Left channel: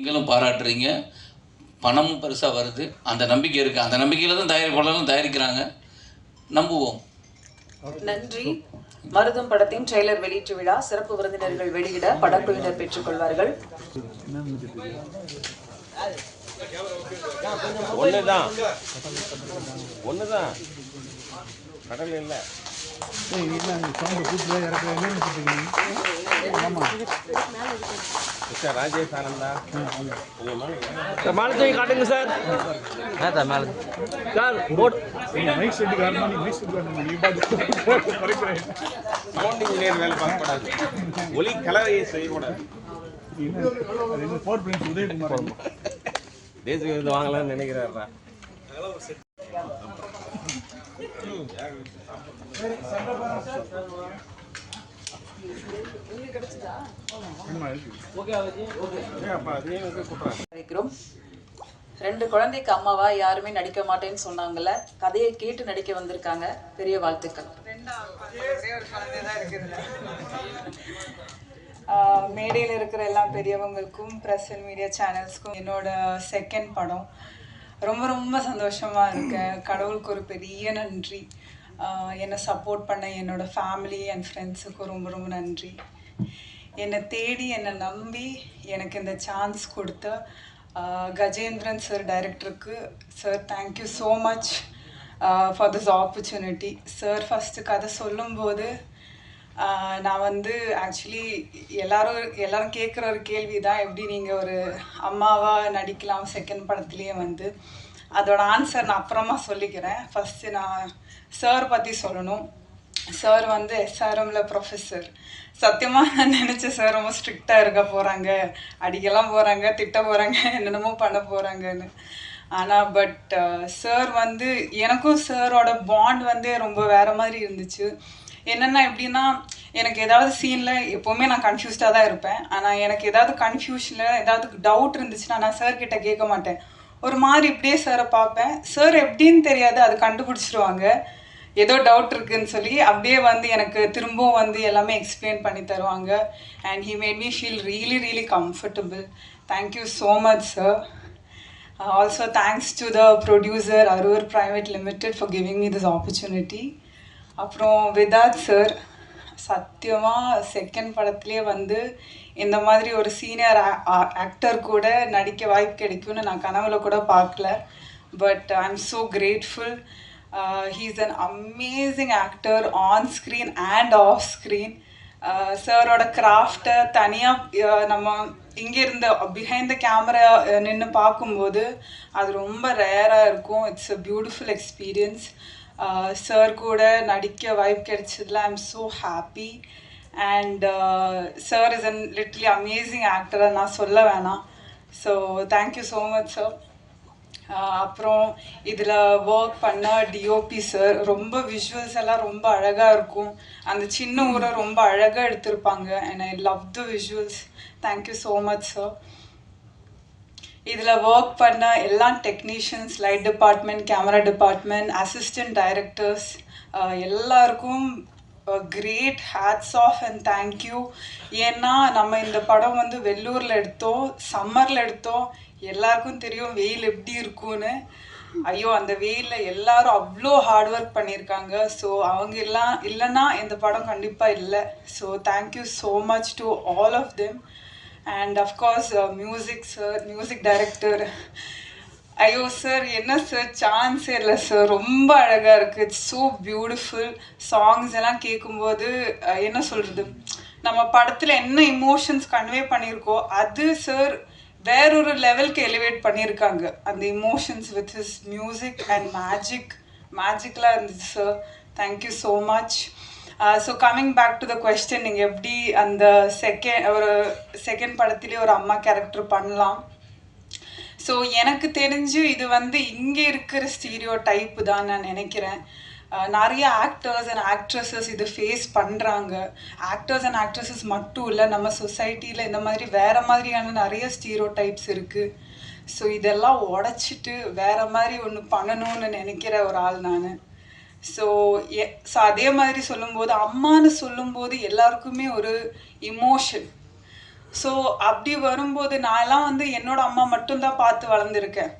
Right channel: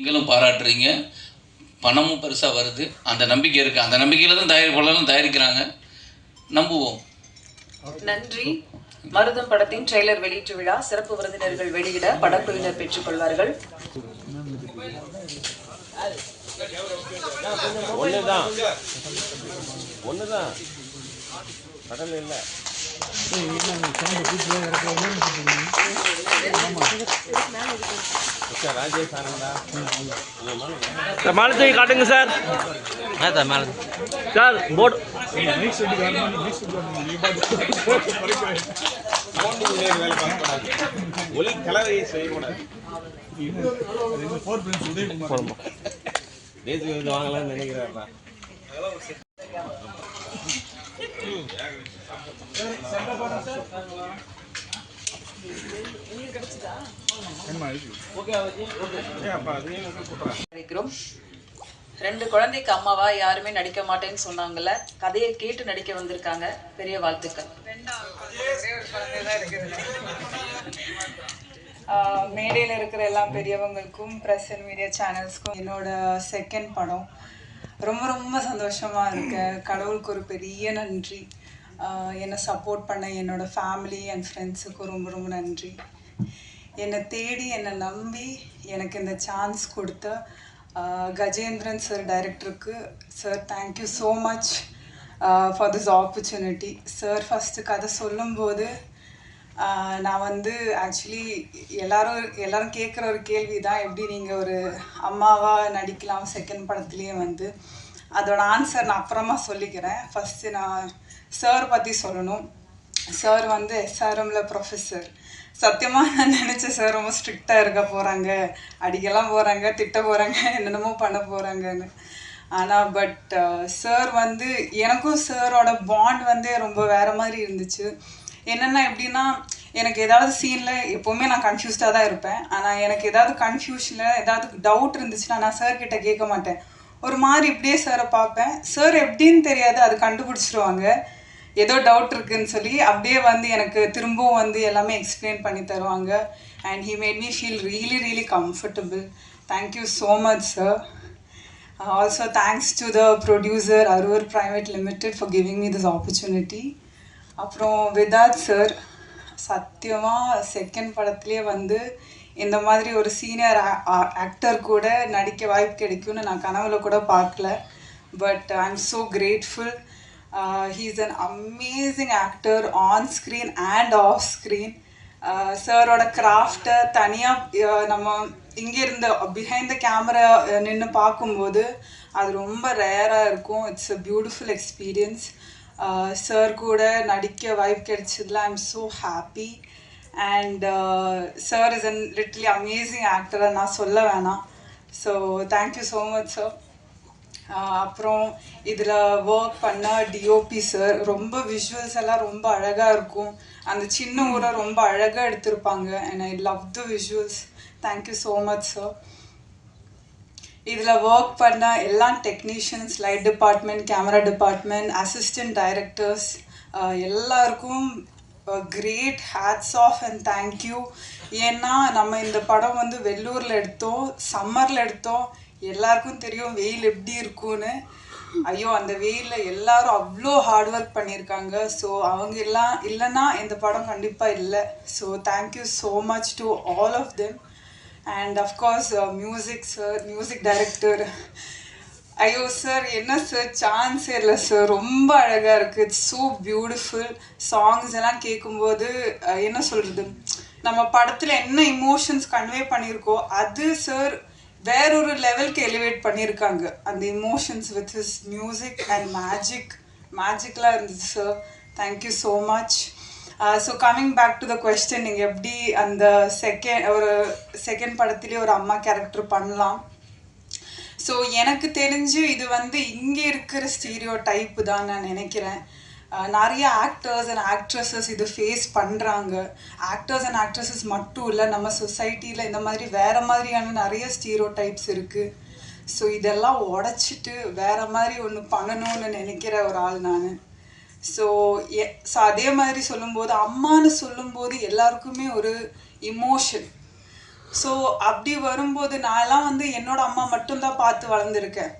நீங்களும் பாராட்டுறீங்க. பணமும் பெருசாக வருது. அந்த நம்பிக்கை இருக்குது அந்த நம்பிக்கையில் தான் தயாரிப்பாளரும் தயாரிக்கிறாங்க. நம்புவோம். நன்றி. மருதம் படத்தின் ட்ரெய்லர் வெளியீட்டு விழா சிறப்பு விருந்தினர்கள் வெளியிட படக்குழுவினர் பெற்றுக் கொள்வார்கள். ஒன்று தான் ஒன்று தான் கடல் இல்லை ராஜேஷ் ஆனந்தா மகன் மேலே தூக்கி காட்டுங்க சார். சார் போட் போண்டிங் நேர் வேலை பார்க்கக்கூடாது ஒலி கலவையை செய்யக்கூடாது தேசிய விருது வாங்கலாம்னு நினைக்கிறாரா இருக்கிறோம் ரெண்டு குழந்தைக்கு அம்மாவா யாருமே நடிக்க மாட்டேன்னு சொன்னாங்கல்ல கதையை கேட்டு நடிக்க வந்திருக்காங்க பெரிய வாழ்த்துக்கள். மேடையில் இருக்கிற எல்லா பெரியவங்களுக்கும் ப்ரெஸ் அண்ட் மீடியா சேனல்ஸ்க்கும் என்னோட செகண்ட் படம். ரொம்ப ரொம்ப சந்தோஷமாக இருக்கேன் கடவுளுக்கு ஒரு பெரிய நன்றி. என்னை சப்போர்ட் பண்ண என்னோட ஃபேமிலி அண்ட் ஃப்ரெண்ட்ஸுக்கும் ரொம்ப ரொம்ப நன்றி. என்னை தேடி என்னை நம்பி எனக்கு இந்த சான்ஸ் கொடுத்த கஜேந்திரன் சார் டைரக்டருக்கு sir thank you so much for this opportunity sir first கதை சொல்லும்போது நான் வந்து ஆக்சுவலி எல்லாரும் எல்லாரும் கேட்குற ஒரு கேள்வி தான் எப்படி நீங்கள் ஒரு அம்மாவாக நடிக்கலாம் செகண்ட் படத்துலேயே வந்து? அதோட ஆன்சர் நான் அப்புறமா சொல்லிக்கிறேன். ஃபஸ்ட்டு நான் சார் பற்றி சொல்லணும். சார் வந்து எஸ்ஆர்எம்ல ப்ரொஃபஸர் சத்தியமாக நான் நினச்சேன் சார் ரொம்ப ஸ்ட்ரிக்டாக இருக்க போகிறாங்க அடிக்கலாம் போகிறாங்க திட்ட போகிறாங்க என்னென்னமோ பண்ண போகிறாங்கன்னு ஆனால் பட் சார் வந்து எனக்கும் சாரோட பாண்ட் வந்து ரொம்ப வேறு மாதிரி இருந்துச்சு. என்னென்னா எப்படின்னா எனக்கு ஏதாவது சீனில் எப்போவுமே நான் கன்ஃபியூஸ்டாக தான் இருப்பேன். ஆனால் எனக்கு ஏதாவது கன்ஃபியூஷனில் ஏதாவது டவுட் இருந்துச்சுன்னா நான் சார் கிட்டே கேட்க மாட்டேன். ஒரு மாதிரி இப்படியே சாரை பார்ப்பேன். சார் எப்படின்னு தெரியாது அது கண்டுபிடிச்சிருவாங்க. ஏதோ டவுட் இருக்குன்னு சொல்லி அப்படியே வந்து எனக்கு திரும்பவும் வந்து எல்லாமே எக்ஸ்பிளைன் பண்ணி தருவாங்க. And he made me feel really really comfortable thank you so much sir also thanks to the producer Aroor private limited for giving me this opportunity அப்புறம் விதாத் சார் சத்தியமாக செகண்ட் படத்துலேயே வந்து இந்த மாதிரி ஒரு சீனியர் ஆக்டர் கூட நடிக்க வாய்ப்பு கிடைக்கும்னு நான் கனவுல கூட பார்க்கல. But I am so grateful he's an amazing actor on screen and off screen சாரோட கிராஃப்டை தனியாக நம்ம இங்கேருந்து பிஹைண்ட் த கேமரா நின்று பார்க்கும்போது அது ரொம்ப ரேராக இருக்கும். It's a beautiful experience sir கூட நடிக்க வாய்ப்பு கிடைச்சதுல I am so happy and sir is an literally amazing ஆக்டரை நான் சொல்ல வேணாம். So thank you so much sir அப்புறம் இதில் ஒர்க் பண்ண டிஓபி சார் ரொம்ப விஷுவல்ஸ் எல்லாம் ரொம்ப அழகாக இருக்கும். அந்த சின்ன ஊரை ரொம்ப அழகாக எடுத்திருப்பாங்க. And I love the visuals thank you so much sir இதில் ஒர்க் பண்ண எல்லா technicians light department camera department assistant directors எல்லாருக்கும் great hats off and thank you ஏன்னா நம்ம இந்த படம் வந்து வெள்ளூரில் எடுத்தோம் சம்மரில் எடுத்தோம். எல்லாருக்கும் தெரியும் வெயில் எப்படி இருக்கும்னு. ஐயோ அந்த வெயிலில் எல்லாரும் அவ்வளோ ஹார்ட் ஒர்க் பண்ணியிருக்காங்க ஸோ அவங்க எல்லாம் இல்லைன்னா இந்த படம் கண்டிப்பாக இல்லை. So thank you so much to all of them and of course music sir music director ஐயோ சார் என்ன சார் சான்ஸே இல்லை சார் ரொம்ப அழகாக இருக்குது இட்ஸ் ஸோ பியூட்டிஃபுல் சாங்ஸ் எல்லாம் கேட்கும்போது uh, என்ன சொல்கிறது நம்ம படத்தில் என்ன இமோஷன்ஸ் கன்வே பண்ணியிருக்கோ அது சார் வேறொரு லெவலுக்கு எலிவேட் பண்ணியிருக்காங்க அந்த emotions with his music and magic மேஜிக்கலாக இருந்துச்சு sir thank you so much so coming back to the question நீங்கள் எப்படி அந்த செகண்ட் ஒரு செகண்ட் படத்துலேயே ஒரு அம்மா கேரக்டர் பண்ணலாம்? ஸோ எனக்கு தெரிஞ்சு இது வந்து இங்கே இருக்கிற ஸ்டீரியோ டைப்பு தான் நான் நினைக்கிறேன். நிறைய ஆக்டர்ஸ் அண்ட் ஆக்ட்ரஸஸ் இது ஃபேஸ் பண்ணுறாங்க ஆக்டர்ஸ் அண்ட் ஆக்ட்ரஸஸ் மட்டும் இல்லை நம்ம சொசைட்டியில் இந்த மாதிரி வேறு மாதிரியான நிறைய ஸ்டீரோ டைப்ஸ் இருக்குது ஸோ இதெல்லாம் உடச்சிட்டு வேறு மாதிரி ஒன்று பண்ணணும்னு நினைக்கிற ஒரு ஆள் நான். ஸோ எ ஸோ அதே மாதிரி சொல்லும்போது அம்மான்னு சொல்லும்போது எல்லாருக்குமே ஒரு இமோஷன் ஸோ அப்படி வரும்போது நான்லாம் வந்து என்னோட அம்மா மட்டும்தான் பார்த்து வளர்ந்துருக்கேன்.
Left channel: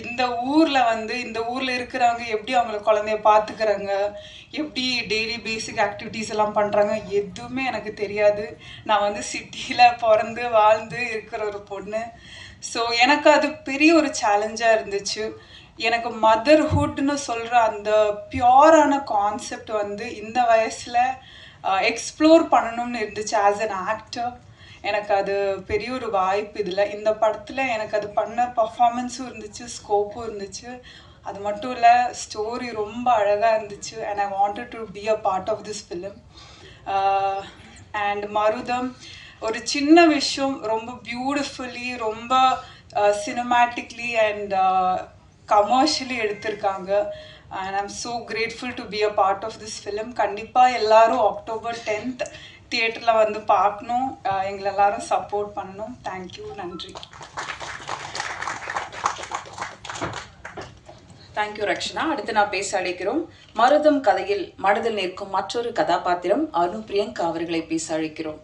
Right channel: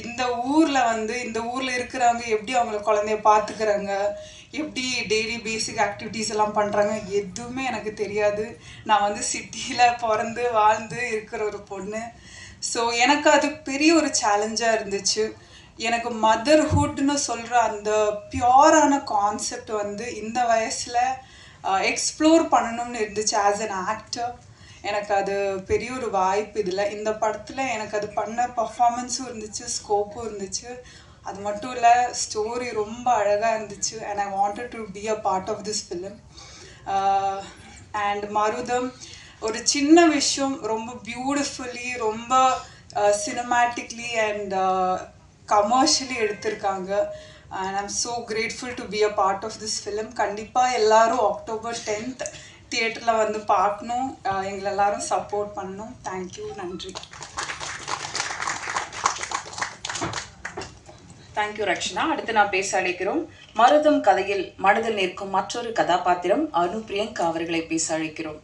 இந்த ஊரில் வந்து இந்த ஊரில் இருக்கிறவங்க எப்படி அவங்கள குழந்தைய பார்த்துக்கிறாங்க எப்படி டெய்லி பேசிக் ஆக்டிவிட்டீஸ் எல்லாம் பண்ணுறாங்க எதுவுமே எனக்கு தெரியாது. நான் வந்து சிட்டியில் பிறந்து வாழ்ந்து இருக்கிற ஒரு பொண்ணு. ஸோ எனக்கு அது பெரிய ஒரு சேலஞ்சாக இருந்துச்சு. எனக்கு மதர்ஹுட்னு சொல்கிற அந்த பியோரான கான்செப்ட் வந்து இந்த வயசில் எக்ஸ்ப்ளோர் பண்ணணும்னு இருந்துச்சு ஆஸ் அன் ஆக்டர் எனக்கு அது பெரிய ஒரு வாய்ப்பு இதில். இந்த படத்தில் எனக்கு அது பண்ண பர்ஃபார்மன்ஸும் இருந்துச்சு ஸ்கோப்பும் இருந்துச்சு. அது மட்டும் இல்லை ஸ்டோரி ரொம்ப அழகாக இருந்துச்சு. And I wanted to be a part of this film and Marutham ஒரு சின்ன விஷயம் ரொம்ப பியூட்டிஃபுல்லி ரொம்ப சினிமேட்டிக்லி அண்ட் கமர்ஷியலி எடுத்திருக்காங்க. And I'm so grateful to be a part of this film கண்டிப்பாக எல்லாரும் அக்டோபர் டென்த் தியேட்டரில் வந்து பார்க்கணும். எங்களை எல்லாரும் சப்போர்ட் பண்ணணும். தேங்க்யூ நன்றி. Thank you Rakshana. அடுத்து நான் பேச அழைக்கிறோம். மருதம் கதையில் மனதில் நிற்கும் மற்றொரு கதாபாத்திரம் அருண் பிரியங்கா அவர்களை பேச அழைக்கிறோம்.